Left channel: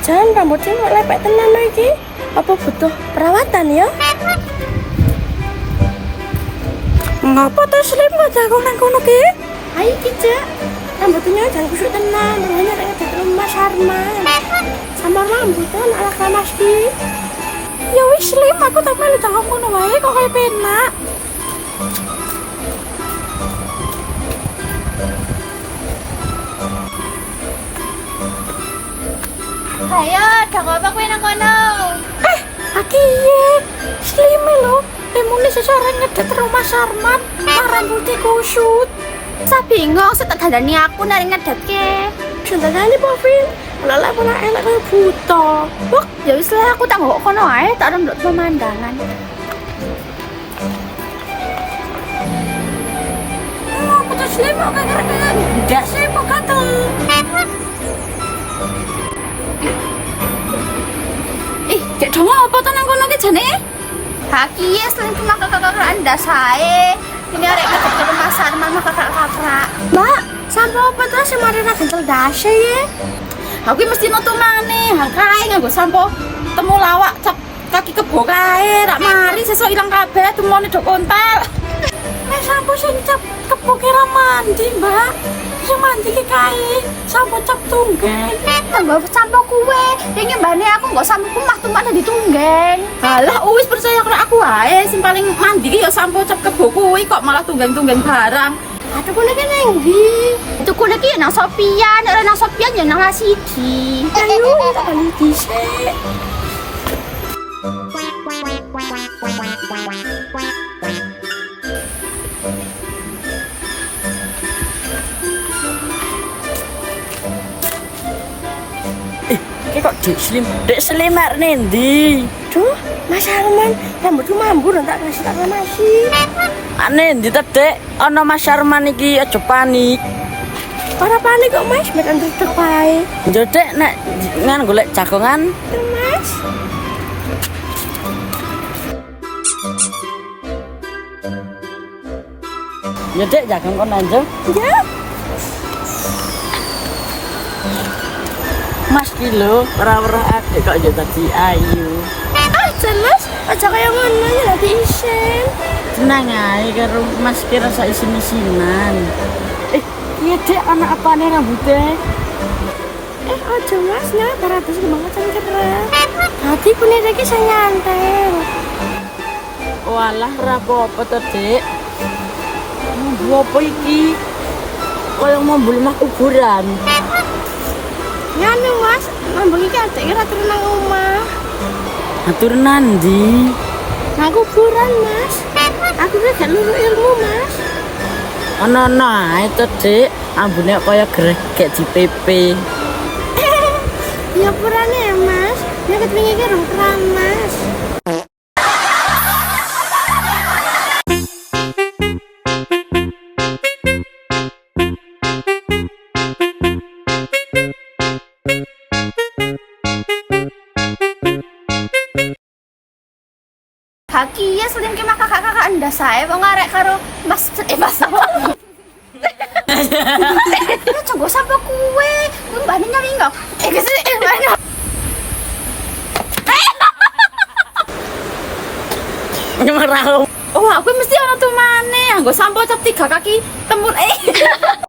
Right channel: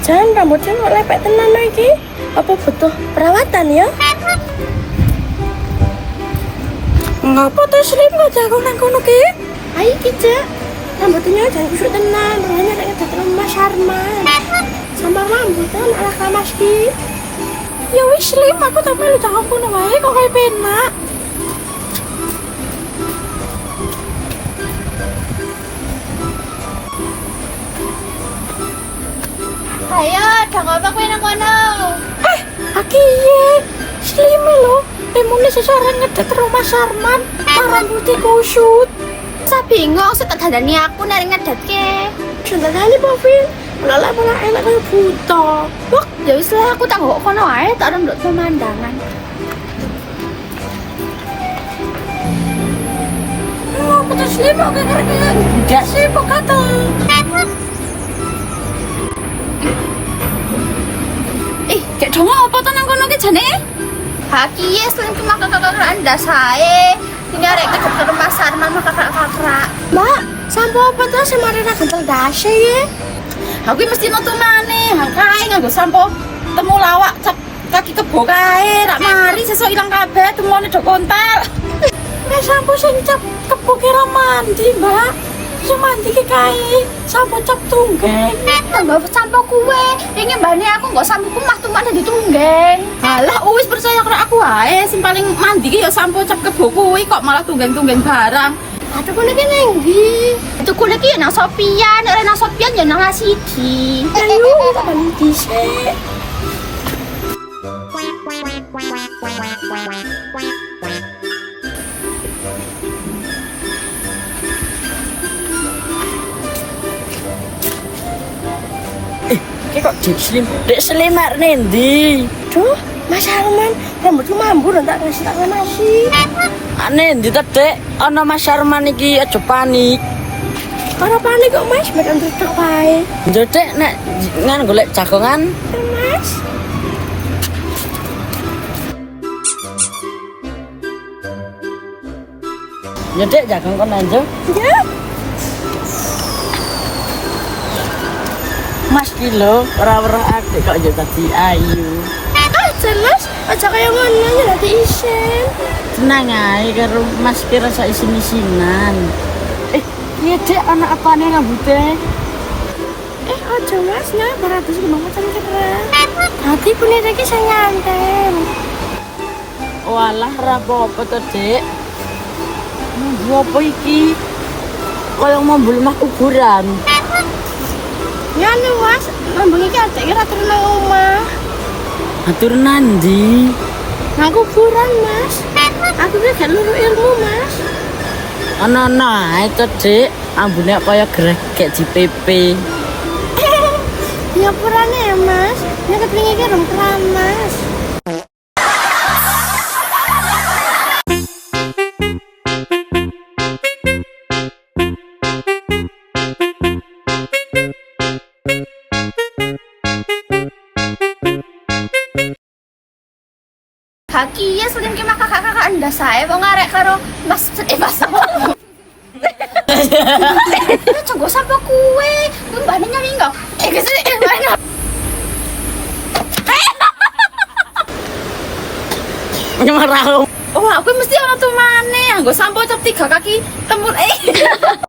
Jangan rambutnya kok lepek tenan lagi. Apa butuh perawatan ya? Ngapa tuh slip aja aku nang kono ki? Ayo ki, Cak. Rambutnya jangan kusuk tenan, makanya nek ngedet rumah Sarman. Sama rambutnya malah panas ki. Ya wis slip, aku tak melu jangan kono wae kok kayak penak. Ayo, udah ngapa kowe nang kono? Aki ye, slip lho. Emune seseorang ngedet rumah Sarman, rambutnya kusut. Saya bingung, saya tak dandani aku nari ngedetke. Sudah kali Pavin, lala malah enak kayak buta. Bok, ya wis lah aku tak ngok kono ae, tak nunduk pemandangan. Aku tuh slip kok keren-keren. Gak sih kok kata. Kayak dong apa tuh nang kono ki jane? Haki yes, lan cuma kakak-kakak anda saya. Ini arek ngedek ke rumah Sarman sama kakak-kakak. Mbak, sampo apa tuh semari nak kental dashe ya? Aku mesti nutu maneh, makanya nggo sampo temu lawak cek kaki kebo kae, rak mari sesuk ilang kabeh temone dok kontal. Sampo sing cap kepukira mandi, Mbak. Sing mandi ki kae, sampo cap tunggeng. Tambah sampo kuwe, ini mbane aku nggo sampo mah tumpane ditunggeng. Halah wis percaya karo aku wae, sing paling mandi ki ya sampo cap kebo kuwi kok malah tunggeng-tunggeng barang. Aduh kuwi ki nang ndi? Itu kulit ki nang Sopian, nek nang Sopian ya nang Asidi. Ayo, mandi sih. Kok dek selimar nendi? Duh, Mas Arman, rambutku mambur tak kasih tak nasi. Nendi tak dek, ono Mas Arman iki aja panik. Ora panik kok Mas, mekan tutup ae. Ndek nek ngan golek jagongan. Mas. Ndek jagung kon anjing. Ya. Mas kilo, ora-ora adik kok aja tadi ayu. Jelas, aja kayak ngono ya dadi isen. Tenang ae karo Mas kira sak isin-isinan. Iya Dek, anak apane rambutnya? Ojo Mas, ya, habis banget sama keren. Tadi kulit lagi saya nyantel. Walah, rapopo tuh Dek. Apa iki? Kayak mau beli mah kuburan. Ya nih Mas, ngambung iki adek kira turun nang omah. Atur nandi? Nang kuburan Mas. Aku ki gak luru ilmu Mas. Ana ae to Dik, ambune kaya greh gek di PP. Ya purane ya Mas. Ya kepingin ki rong keramas. Haki ya seling ki maka kakak anda saya wong arek karo Mas Mas. Ya coba sampo kuwe, mbane nyari enggak? Kesini banyak. Marah. Oh, aku mesti ana tumane, nggo sampo cap 3 kaki tembur